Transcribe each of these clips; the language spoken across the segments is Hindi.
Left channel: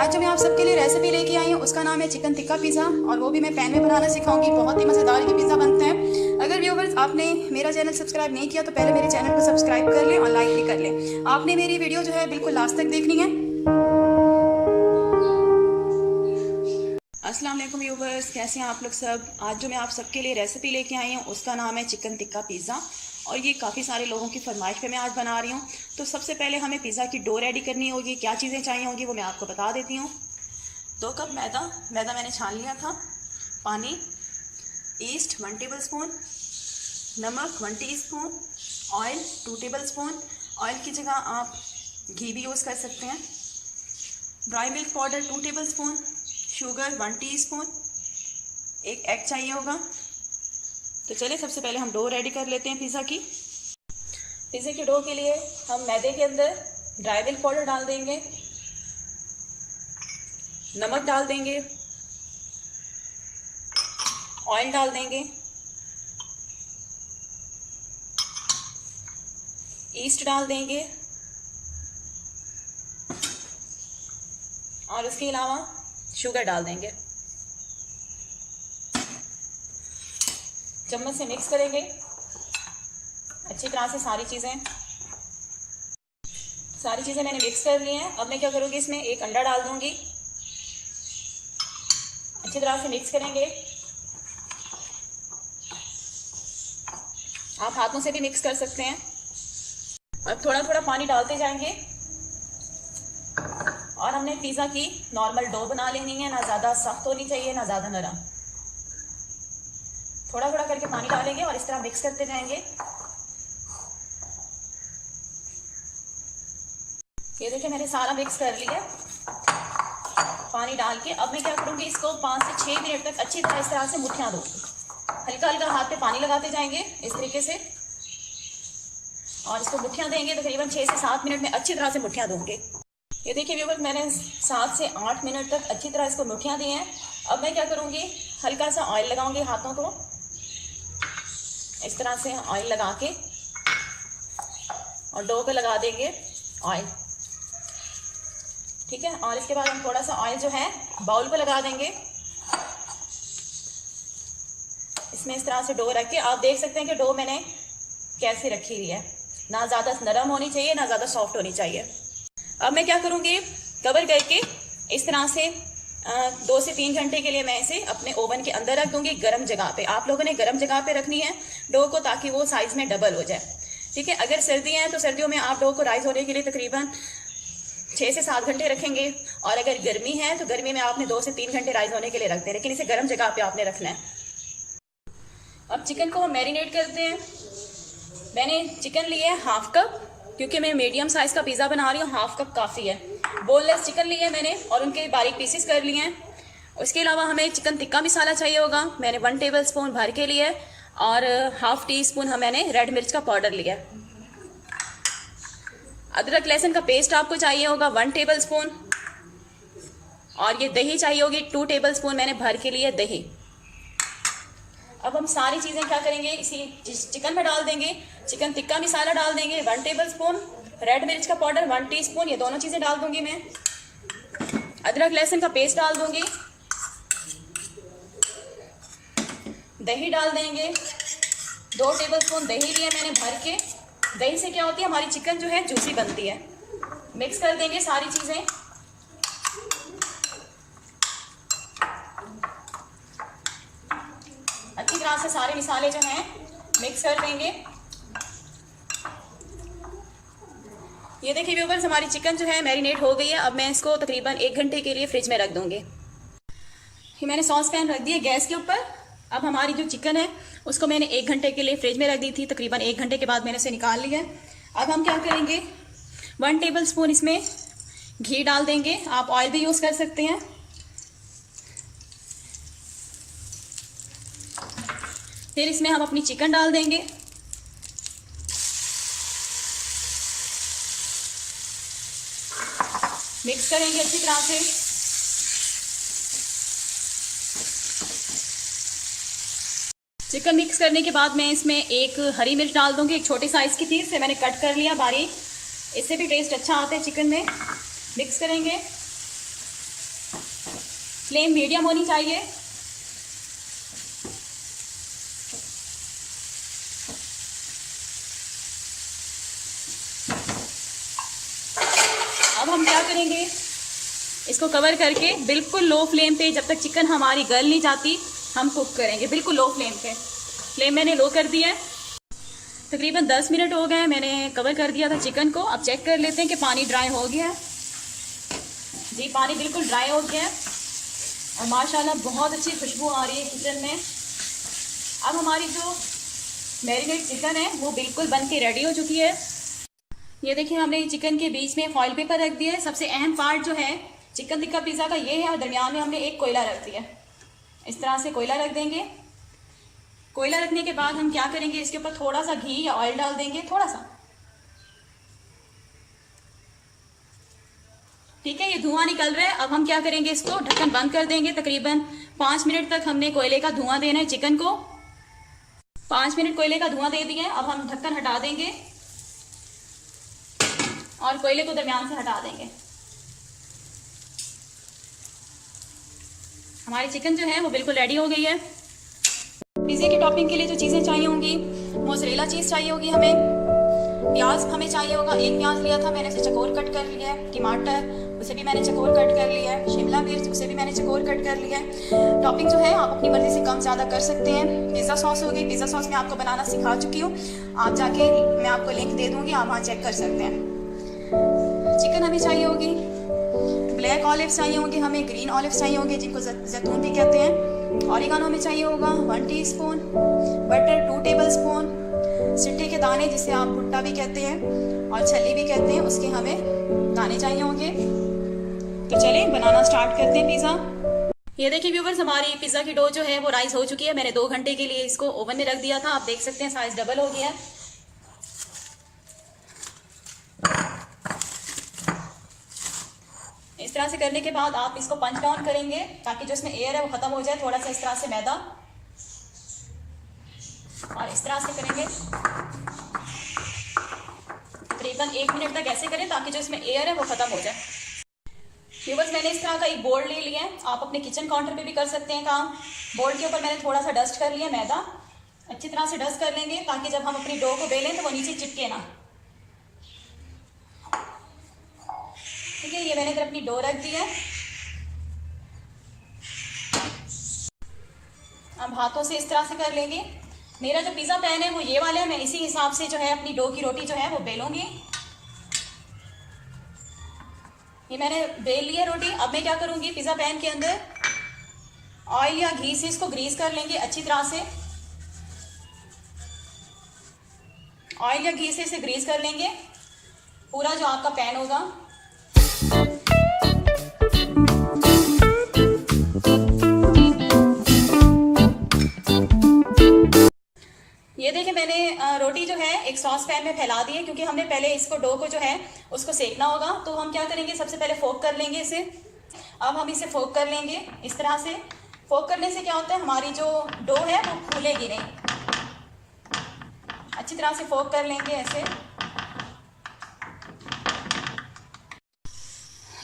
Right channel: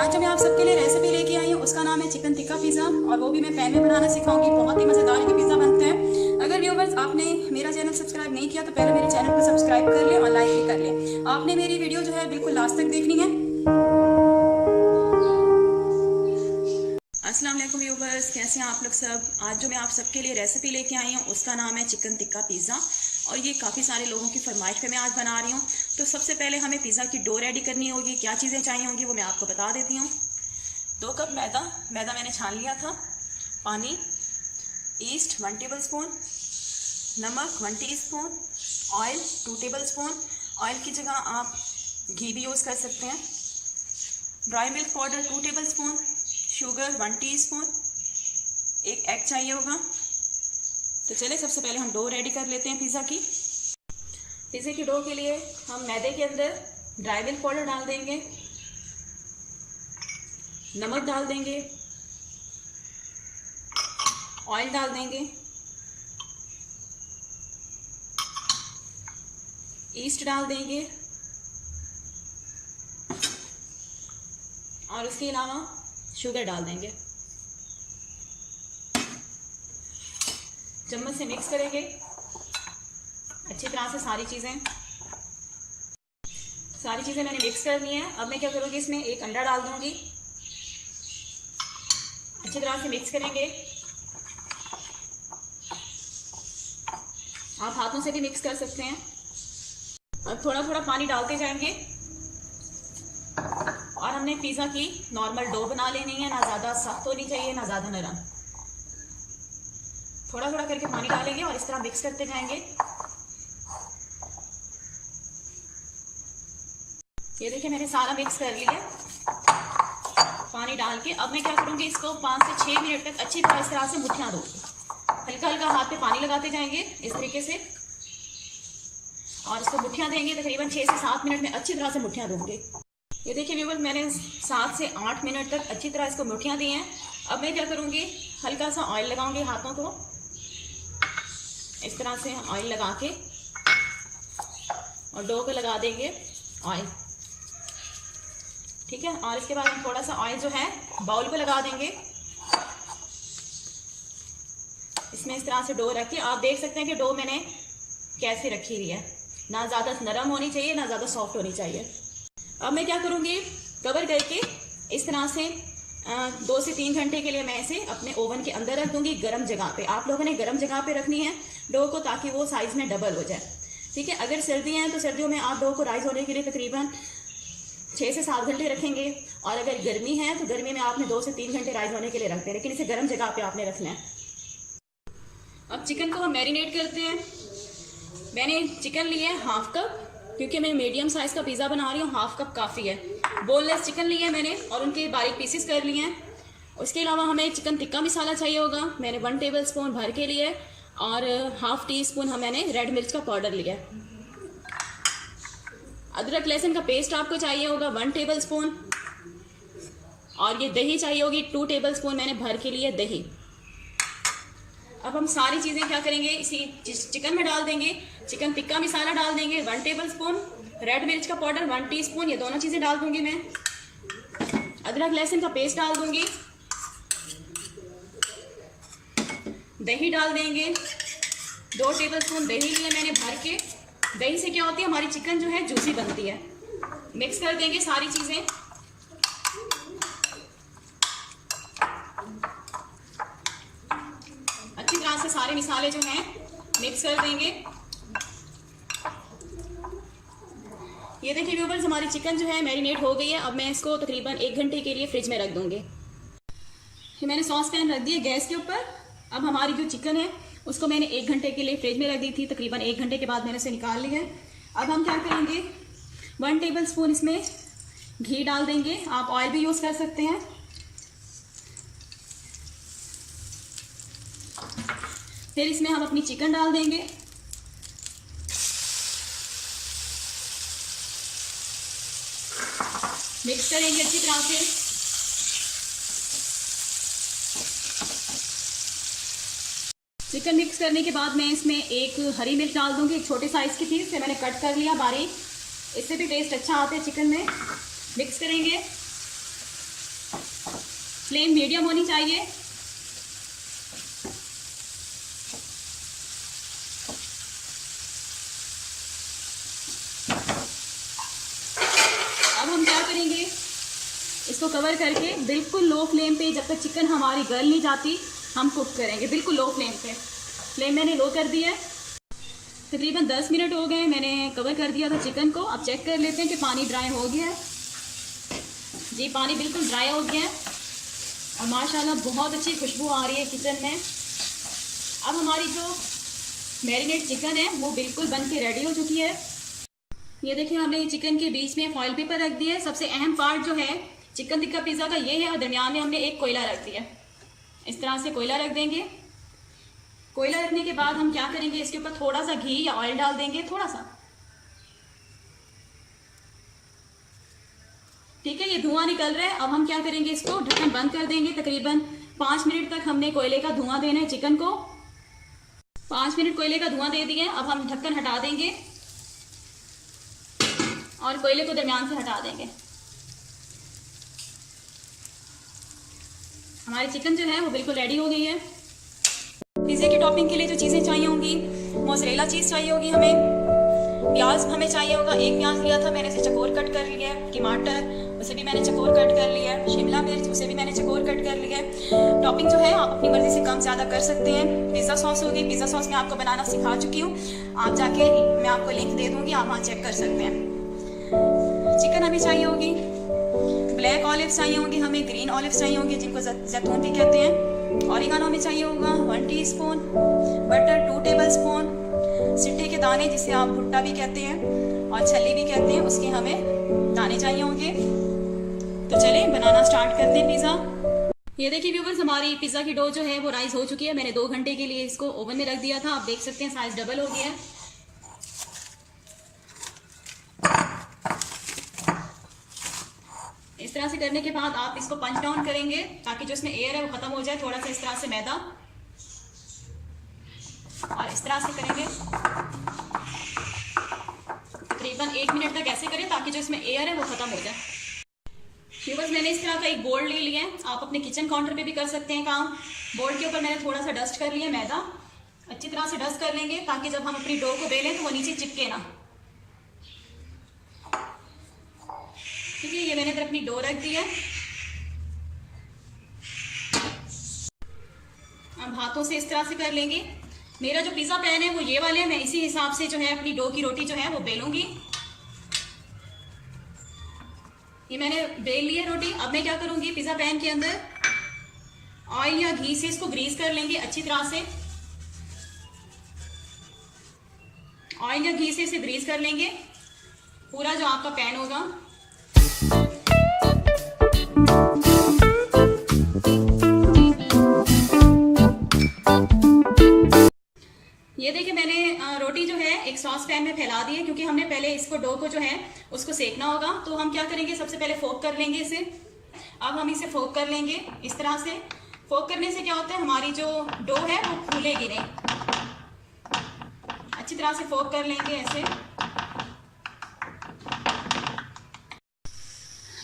आज जो मैं आप सबके लिए रेसिपी लेके आई हूँ उसका नाम है चिकन टिक्का पिज़्ज़ा, और वो भी मैं पैन में बनाना सिखाऊंगी। बहुत ही मज़ेदार ये पिज़्ज़ा बनते हैं। अगर व्यूवर्स आपने मेरा चैनल सब्सक्राइब नहीं किया तो पहले मेरे चैनल को सब्सक्राइब कर लें और लाइक भी कर लें। आपने मेरी वीडियो जो है बिल्कुल लास्ट तक देखनी है। अस्सलाम वालेकुम व्यूवर्स, कैसे हैं आप लोग सब। आज जो मैं आप सबके लिए रेसिपी लेके आई हूँ उसका नाम है चिकन टिक्का पिज़्ज़ा, और ये काफ़ी सारे लोगों की फरमाइश पे मैं आज बना रही हूँ। तो सबसे पहले हमें पिज़्ज़ा की डो रेडी करनी होगी। क्या चीज़ें चाहिए होंगी वो मैं आपको बता देती हूँ। 2 कप मैदा मैंने छान लिया था, पानी, ईस्ट 1 टेबलस्पून, नमक 1 टीस्पून, ऑयल 2 टेबलस्पून। ऑयल की जगह आप घी भी यूज़ कर सकते हैं। Dry milk powder 2 tablespoon, sugar 1 teaspoon, एक एग चाहिए होगा। तो चलिए सबसे पहले हम डो रेडी कर लेते हैं पिज़्ज़ा की। पिज़्ज़ा की डो के लिए हम मैदे के अंदर ड्राई मिल्क पाउडर डाल देंगे, नमक डाल देंगे, ऑयल डाल देंगे, ईस्ट डाल देंगे, और उसके अलावा शुगर डाल देंगे। चम्मच से मिक्स करेंगे अच्छी तरह से। सारी चीज़ें मैंने मिक्स कर ली हैं। अब मैं क्या करूँगी, इसमें एक अंडा डाल दूँगी। अच्छी तरह से मिक्स करेंगे। आप हाथों से भी मिक्स कर सकते हैं। अब थोड़ा थोड़ा पानी डालते जाएंगे, और हमने पिज़्ज़ा की नॉर्मल डो बना लेनी है। ना ज़्यादा सख्त होनी चाहिए ना ज़्यादा नरम। थोड़ा थोड़ा करके पानी डालेंगे और इस तरह मिक्स करते जाएंगे। ये देखिए मैंने सारा मिक्स कर लिया पानी डाल के। अब मैं क्या करूँगी, इसको 5 से 6 मिनट तक अच्छी तरह इस तरह से मुठियाँ दो। हल्का हल्का हाथ पे पानी लगाते जाएंगे इस तरीके से, और इसको मुठियाँ देंगे। तकरीबन 6 से 7 मिनट में अच्छी तरह से मुठियाँ दूंगे। ये देखिए व्यूअर्स, मैंने 7 से 8 मिनट तक अच्छी तरह इसको मुठियाँ दी हैं। अब मैं क्या करूँगी, हल्का सा ऑयल लगाऊंगी हाथों को। इस तरह से ऑयल लगा के और डो पे लगा देंगे ऑयल, ठीक है। और इसके बाद हम थोड़ा सा ऑयल जो है बाउल को लगा देंगे। इसमें इस तरह से डो रख के आप देख सकते हैं कि डो मैंने कैसे रखी हुई है। ना ज़्यादा नरम होनी चाहिए ना ज़्यादा सॉफ्ट होनी चाहिए। अब मैं क्या करूँगी, कवर करके इस तरह से 2 से 3 घंटे के लिए मैं इसे अपने ओवन के अंदर रख दूंगी, गर्म जगह पे। आप लोगों ने गर्म जगह पे रखनी है डो को, ताकि वो साइज में डबल हो जाए, ठीक है। अगर सर्दी है तो सर्दियों में आप डो को राइस होने के लिए तकरीबन 6 से 7 घंटे रखेंगे, और अगर गर्मी है तो गर्मी में आपने 2 से 3 घंटे राइस होने के लिए रखते हैं, लेकिन इसे गर्म जगह पे आपने रखना है। अब चिकन को हम मैरिनेट करते हैं। मैंने चिकन लिया है 1/2 कप, क्योंकि मैं मीडियम साइज़ का पिज़्ज़ा बना रही हूँ। 1/2 कप काफ़ी है। बोनलेस चिकन लिए है मैंने और उनके बारीक पीसेस कर लिए हैं। उसके अलावा हमें चिकन टिक्का मसाला चाहिए होगा। मैंने 1 टेबलस्पून भर के लिए, और 1/2 टीस्पून मैंने रेड मिर्च का पाउडर लिया। अदरक लहसुन का पेस्ट आपको चाहिए होगा 1 टेबलस्पून, और ये दही चाहिए होगी 2 टेबलस्पून मैंने भर के लिए दही। अब हम सारी चीज़ें क्या करेंगे, इसी चिकन में डाल देंगे। चिकन टिक्का मसाला डाल देंगे 1 टेबलस्पून, रेड मिर्च का पाउडर 1 टीस्पून, ये दोनों चीज़ें डाल दूंगी मैं। अदरक लहसुन का पेस्ट डाल दूंगी, दही डाल देंगे। 2 टेबलस्पून दही लिया मैंने भर के। दही से क्या होती है, हमारी चिकन जो है जूसी बनती है। मिक्स कर देंगे सारी चीज़ें। अच्छी तरह से सारे मसाले जो हैं मिक्स कर देंगे। ये देखिए व्यूअर्स, हमारी चिकन जो है मैरिनेट हो गई है। अब मैं इसको तकरीबन 1 घंटे के लिए फ्रिज में रख दूंगी। मैंने सॉस पैन रख दिया गैस के ऊपर। अब हमारी जो चिकन है उसको मैंने 1 घंटे के लिए फ्रिज में रख दी थी। तकरीबन 1 घंटे के बाद मैंने इसे निकाल लिया। अब हम क्या करेंगे, 1 टेबलस्पून इसमें घी डाल देंगे। आप ऑयल भी यूज़ कर सकते हैं। फिर इसमें हम अपनी चिकन डाल देंगे। मिक्स करेंगे अच्छी तरह से। चिकन मिक्स करने के बाद मैं इसमें एक हरी मिर्च डाल दूंगी। एक छोटे साइज़ की थी, इसे मैंने कट कर लिया बारीक। इससे भी टेस्ट अच्छा आता है चिकन में। मिक्स करेंगे। फ्लेम मीडियम होनी चाहिए। अब हम क्या करेंगे, इसको कवर करके बिल्कुल लो फ्लेम पे जब तक चिकन हमारी गल नहीं जाती हम कुक करेंगे, बिल्कुल लो फ्लेम पे। फ्लेम मैंने लो कर दिया है। तकरीबन 10 मिनट हो गए, मैंने कवर कर दिया था चिकन को। अब चेक कर लेते हैं कि पानी ड्राई हो गया है। जी पानी बिल्कुल ड्राई हो गया है और माशाल्लाह बहुत अच्छी खुशबू आ रही है किचन में। अब हमारी जो मैरिनेट चिकन है वो बिल्कुल बन के रेडी हो चुकी है। ये देखिए हमने चिकन के बीच में फॉइल पेपर रख दिया है। सबसे अहम पार्ट जो है चिकन टिक्का पिज़्ज़ा का ये है, और दरमियान में हमने एक कोयला रख दिया। इस तरह से कोयला रख देंगे। कोयला रखने के बाद हम क्या करेंगे, इसके ऊपर थोड़ा सा घी या ऑयल डाल देंगे, थोड़ा सा। ठीक है, ये धुआं निकल रहा है। अब हम क्या करेंगे, इसको ढक्कन बंद कर देंगे। तकरीबन 5 मिनट तक हमने कोयले का धुआं देना है चिकन को। 5 मिनट कोयले का धुआं दे दिए। अब हम ढक्कन हटा देंगे और कोयले को दरमियान से हटा देंगे। हमारी चिकन जो है वो बिल्कुल रेडी हो गई है। पिज़्ज़े की टॉपिंग के लिए जो चीज़ें चाहिए होंगी, मोज़रेला चीज़ चाहिए होगी हमें, प्याज हमें चाहिए होगा। एक प्याज लिया था मैंने, उसे चकोर कट कर लिया है। टमाटर उसे भी मैंने चकोर कट कर लिया है। शिमला मिर्च उसे भी मैंने चकोर कट कर लिया है। टॉपिंग जो है आप अपनी मर्ज़ी से कम ज़्यादा कर सकते हैं। पिज़्ज़ा सॉस होगी, पिज़्ज़ा सॉस मैं आपको बनाना सिखा चुकी हूँ, आप जाके मैं आपको लिंक दे दूँगी, आप वहाँ चेक कर सकते हैं। चिकन हमें चाहिए होगी, ब्लैक ऑलिव चाहिए होंगे हमें, ग्रीन ऑलिव चाहिए होंगे जिनको जैतून भी कहते हैं। ऑरिगानो हमें चाहिए होगा 1 टीस्पून, बटर 2 टेबलस्पून, सिट्टे के दाने जिसे आप भुट्टा भी कहते हैं और छल्ली भी कहते हैं, उसके हमें दाने चाहिए होंगे। तो चलें बनाना स्टार्ट करते हैं पिज़्ज़ा। ये देखिए व्यूवर्स, हमारी पिज़्ज़ा की डो जो है वो राइस हो चुकी है। मैंने 2 घंटे के लिए इसको ओवन में रख दिया था। आप देख सकते हैं साइज डबल हो गया है। इस तरह से करने के बाद आप इसको पंच डाउन करेंगे ताकि जो इसमें एयर है वो खत्म हो जाए। थोड़ा सा इस तरह से मैदा और इस तरह से करेंगे। तकरीबन 1 मिनट तक ऐसे करें ताकि जो इसमें एयर है वो खत्म हो जाए। व्यूअर्स, मैंने इस तरह का एक बोर्ड ले लिया है। आप अपने किचन काउंटर पे भी कर सकते हैं काम। बोर्ड के ऊपर मैंने थोड़ा सा डस्ट कर लिया मैदा। अच्छी तरह से डस्ट कर लेंगे ताकि जब हम अपनी डो को बेलें तो वो नीचे चिपके ना। ठीक है, ये मैंने फिर अपनी डो रख दी है। अब हाथों से इस तरह से कर लेंगे। मेरा जो पिज़्ज़ा पैन है वो ये वाला है, मैं इसी हिसाब से जो है अपनी डो की रोटी जो है वो बेलूंगी। ये मैंने बेल ली है रोटी। अब मैं क्या करूंगी, पिज़्ज़ा पैन के अंदर ऑयल या घी से इसको ग्रीस कर लेंगे अच्छी तरह से। ऑयल या घी से इसे ग्रीस कर लेंगे पूरा जो आपका पैन होगा। ये देखिए मैंने रोटी जो है एक सॉस पैन में फैला दी है, क्योंकि हमने पहले इसको डो को जो है उसको सेकना होगा। तो हम क्या करेंगे, सबसे पहले फोक कर लेंगे इसे। अब हम इसे फोक कर लेंगे इस तरह से। फोक करने से क्या होता है, हमारी जो डो है वो फूलेगी नहीं। अच्छी तरह से फोक कर लेंगे ऐसे।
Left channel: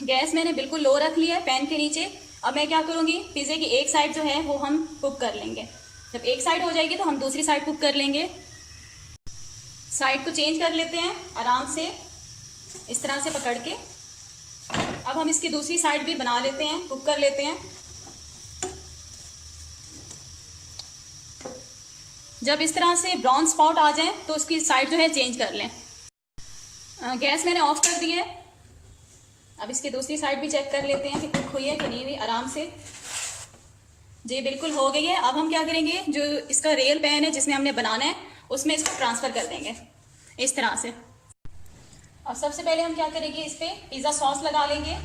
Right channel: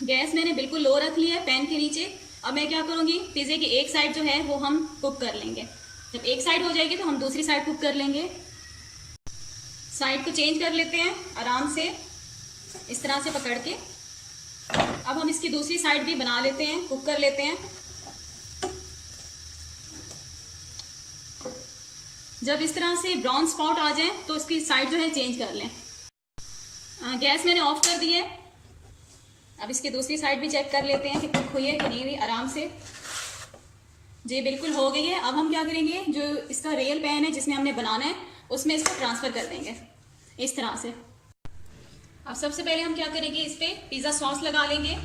गैस मैंने बिल्कुल लो रख लिया है पैन के नीचे। अब मैं क्या करूँगी, पिज़्ज़े की एक साइड जो है वो हम कुक कर लेंगे। जब एक साइड हो जाएगी तो हम दूसरी साइड कुक कर लेंगे। साइड को चेंज कर लेते हैं आराम से इस तरह से पकड़ के। अब हम इसकी दूसरी साइड भी बना लेते हैं, कुक कर लेते हैं। जब इस तरह से ब्राउन स्पॉट आ जाए तो उसकी साइड जो है चेंज कर लें। गैस मैंने ऑफ कर दी है। अब इसकी दूसरी साइड भी चेक कर लेते हैं कि कुक हुई है कि नहीं हुई। आराम से जी बिल्कुल हो गई है। अब हम क्या करेंगे, जो इसका रियल पैन है जिसमें हमने बनाना है उसमें इसको ट्रांसफ़र कर देंगे इस तरह से। अब सबसे पहले हम क्या करेंगे, इस पर पिज़्ज़ा सॉस लगा लेंगे।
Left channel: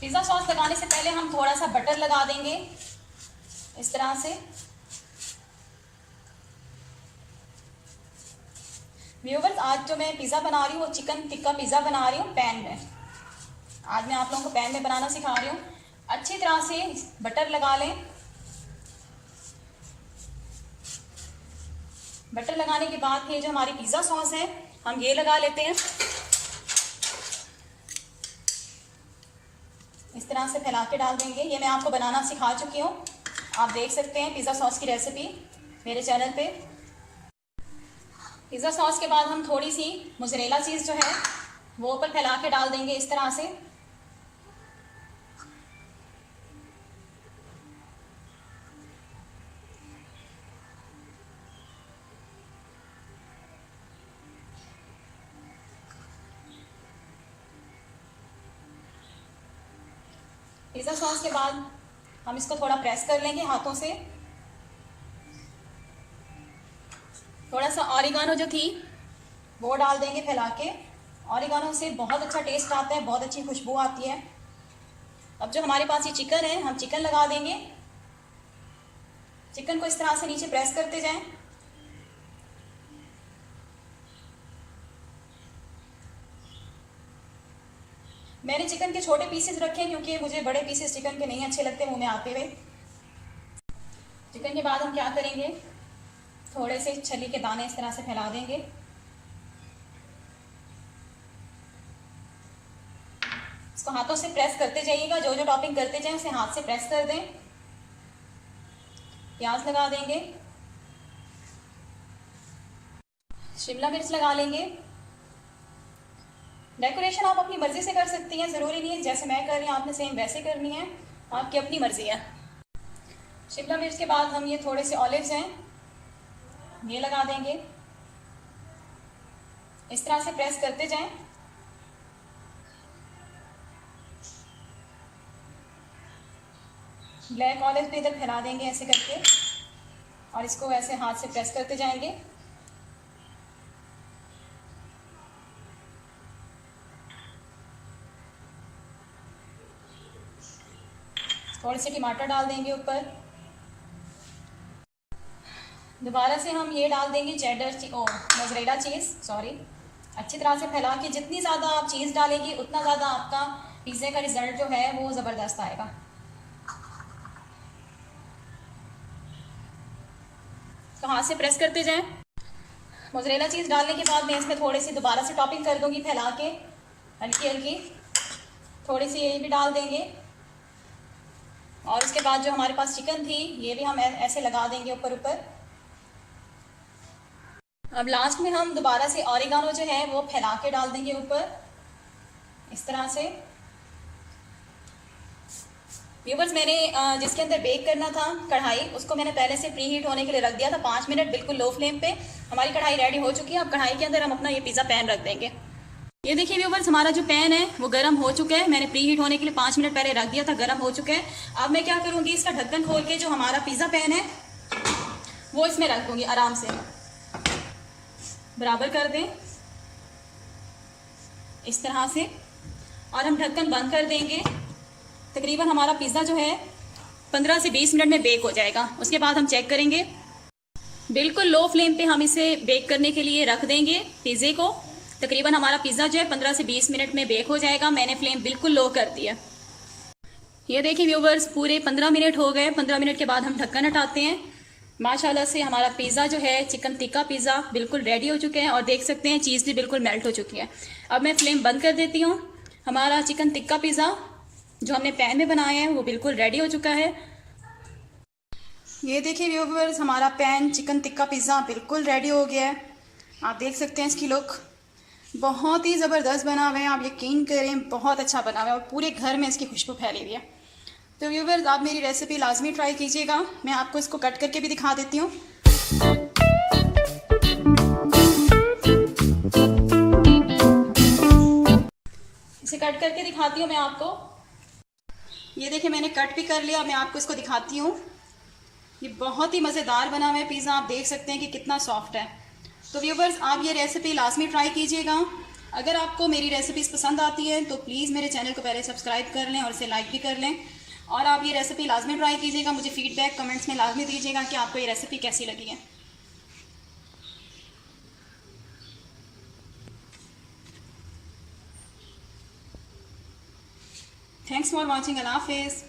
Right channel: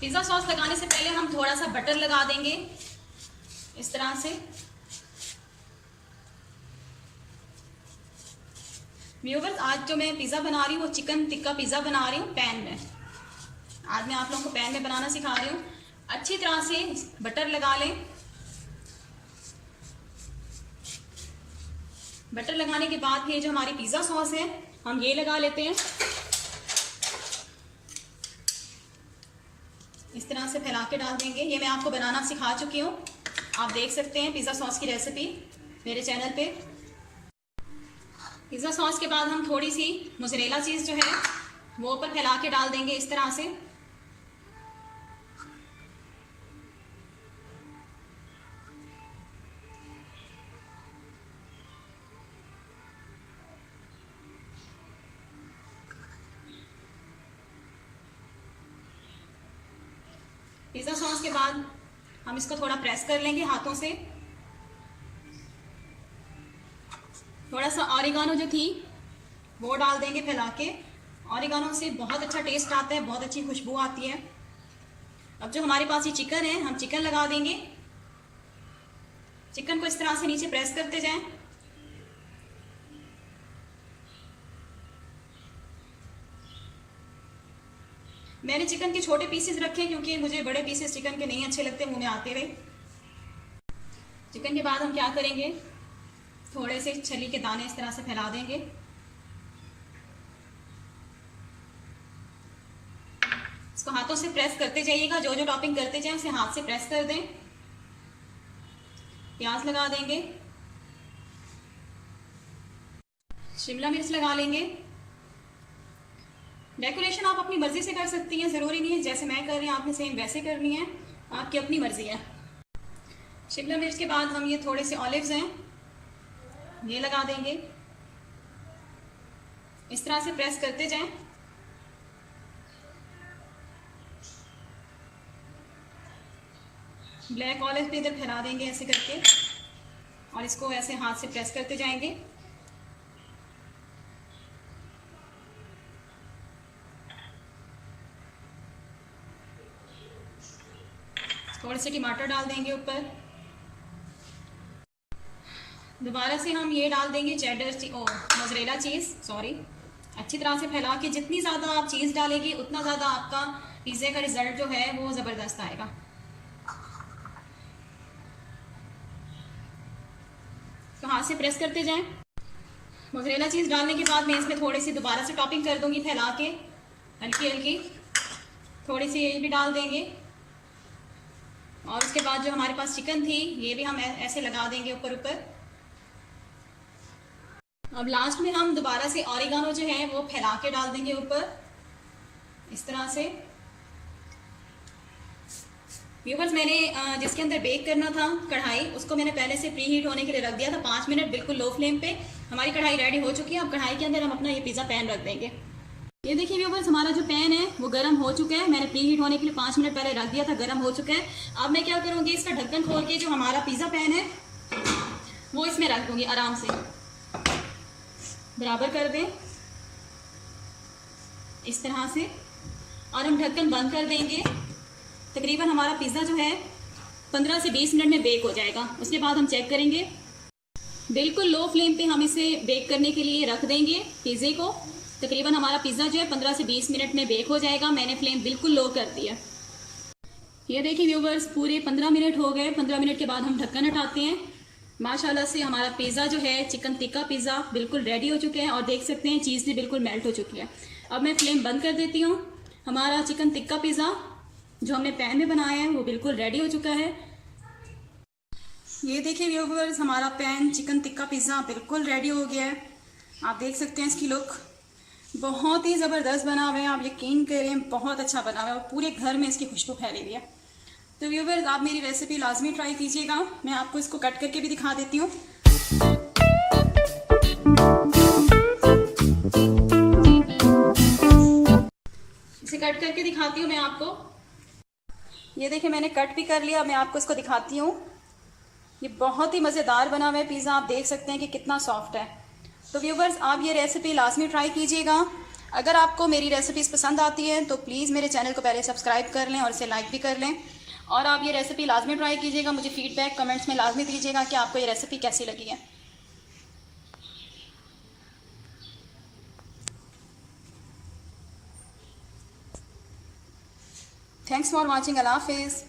पिज़्ज़ा सॉस लगाने से पहले हम थोड़ा सा बटर लगा देंगे इस तरह से। व्यूअर्स, आज जो मैं पिज़्ज़ा बना रही हूँ वो चिकन टिक्का पिज़्ज़ा बना रही हूँ पैन में। आज मैं आप लोगों को पैन में बनाना सिखा रही हूँ। अच्छी तरह से बटर लगा लें। बटर लगाने के बाद ये जो हमारी पिज़्ज़ा सॉस है हम ये लगा लेते हैं। इस तरह से फैला के डाल देंगे। ये मैं आपको बनाना सिखा चुकी हूँ, आप देख सकते हैं पिज़्ज़ा सॉस की रेसिपी मेरे चैनल पे। पिज़्ज़ा सॉस के बाद हम थोड़ी सी मोज़रेला चीज़ जो है वो ऊपर फैला के डाल देंगे इस तरह से। पिज़्ज़ा सॉस के बाद हम इसको थोड़ा प्रेस कर लेंगे हाथों से। थोड़ा सा ऑरिगानो जो थी वो डाल देंगे फैला के। ऑरिगानो से बहुत अच्छा टेस्ट आता है, बहुत अच्छी खुशबू आती है। अब जो हमारे पास ये चिकन है, हम चिकन लगा देंगे। चिकन को इस तरह से नीचे प्रेस करते जाएं। मैंने चिकन के छोटे पीसेस रखे क्योंकि मुझे बड़े पीसेस चिकन के नहीं अच्छे लगते मुंह में आते हुए। चिकन के बाद हम क्या करेंगे, थोड़े से छली के दाने इस तरह से फैला देंगे। इसको हाथों से प्रेस करते जाइएगा, जो जो टॉपिंग करते जाएं उसे हाथ से प्रेस कर दें। प्याज लगा देंगे, शिमला मिर्च लगा लेंगे। डेकोरेशन आप अपनी मर्जी से कर सकती हैं, ज़रूरी नहीं है जैसे मैं कर रही हूँ आपने सेम वैसे करनी है, आपकी अपनी मर्जी है। शिमला मिर्च के बाद हम ये थोड़े से ऑलिव्स हैं ये लगा देंगे। इस तरह से प्रेस करते जाएं। ब्लैक ऑलिव भी इधर फैला देंगे ऐसे करके और इसको ऐसे हाथ से प्रेस करते जाएंगे। थोड़े से टमाटर डाल देंगे ऊपर। दोबारा से हम ये डाल देंगे चेडर मोज़रेला चीज़, सॉरी। अच्छी तरह से फैला के, जितनी ज़्यादा आप चीज़ डालेंगे उतना ज़्यादा आपका पिज़्ज़े का रिज़ल्ट जो है वो ज़बरदस्त आएगा। तो हाथ से प्रेस करते जाएं। मोज़रेला चीज़ डालने के बाद मैं इसमें थोड़ी सी दोबारा से टॉपिंग कर दूंगी फैला के, हल्की हल्की थोड़ी सी ये भी डाल देंगे। और उसके बाद जो हमारे पास चिकन थी ये भी हम ऐसे लगा देंगे ऊपर ऊपर। अब लास्ट में हम दोबारा से ऑरिगानो जो है वो फैला के डाल देंगे ऊपर इस तरह से। व्यूवर्स, मैंने जिसके अंदर बेक करना था कढ़ाई, उसको मैंने पहले से प्री हीट होने के लिए रख दिया था 5 मिनट बिल्कुल लो फ्लेम पे। हमारी कढ़ाई रेडी हो चुकी है। अब कढ़ाई के अंदर हम अपना ये पिज़्ज़ा पैन रख देंगे। ये देखिए व्यूवर्स, हमारा जो पैन है वो गर्म हो चुका है। मैंने प्री हीट होने के लिए 5 मिनट पहले रख दिया था, गर्म हो चुका है। अब मैं क्या करूँगी, इसका ढक्कन खोल के जो हमारा पिज़्ज़ा पैन है वो इसमें रख दूँगी। आराम से बराबर कर दें इस तरह से और हम ढक्कन बंद कर देंगे। तकरीबन हमारा पिज़्ज़ा जो है 15 से 20 मिनट में बेक हो जाएगा। उसके बाद हम चेक करेंगे। बिल्कुल लो फ्लेम पे हम इसे बेक करने के लिए रख देंगे पिज़्ज़े को। तकरीबन हमारा पिज़्ज़ा जो है 15 से 20 मिनट में बेक हो जाएगा। मैंने फ्लेम बिल्कुल लो कर दिया। ये देखिए व्यूवर्स, पूरे 15 मिनट हो गए। 15 मिनट के बाद हम ढक्कन हटाते हैं। माशाल्लाह से हमारा पिज़्ज़ा जो है चिकन टिक्का पिज़्ज़ा बिल्कुल रेडी हो चुके हैं और देख सकते हैं चीज़ भी बिल्कुल मेल्ट हो चुकी है। अब मैं फ्लेम बंद कर देती हूँ। हमारा चिकन टिक्का पिज़्ज़ा जो हमने पैन में बनाया है वो बिल्कुल रेडी हो चुका है। ये देखिए व्यूवर्स, हमारा पैन चिकन टिक्का पिज़्ज़ा बिल्कुल रेडी हो गया है। आप देख सकते हैं इसकी लुक बहुत ही ज़बरदस्त बना हुआ है। आप यकीन करें बहुत अच्छा बना हुआ है और पूरे घर में इसकी खुशबू फैली हुई है। तो व्यूवर्स, आप मेरी रेसिपी लाजमी ट्राई कीजिएगा। मैं आपको इसको कट करके भी दिखा देती हूँ। इसे कट करके दिखाती हूँ मैं आपको। ये देखिए मैंने कट भी कर लिया। मैं आपको इसको दिखाती हूँ। ये बहुत ही मज़ेदार बना हुआ है पिज़्ज़ा। आप देख सकते हैं कि कितना सॉफ्ट है। तो व्यूवर्स, आप ये रेसिपी लाजमी ट्राई कीजिएगा। अगर आपको मेरी रेसिपीज़ पसंद आती है तो प्लीज़ मेरे चैनल को पहले सब्सक्राइब कर लें और इसे लाइक भी कर लें। और आप ये रेसिपी लाजमी ट्राई कीजिएगा। मुझे फ़ीडबैक कमेंट्स में लाजमी दीजिएगा कि आपको ये रेसिपी कैसी लगी है। Thanks for watching. अल्लाह हाफिज़।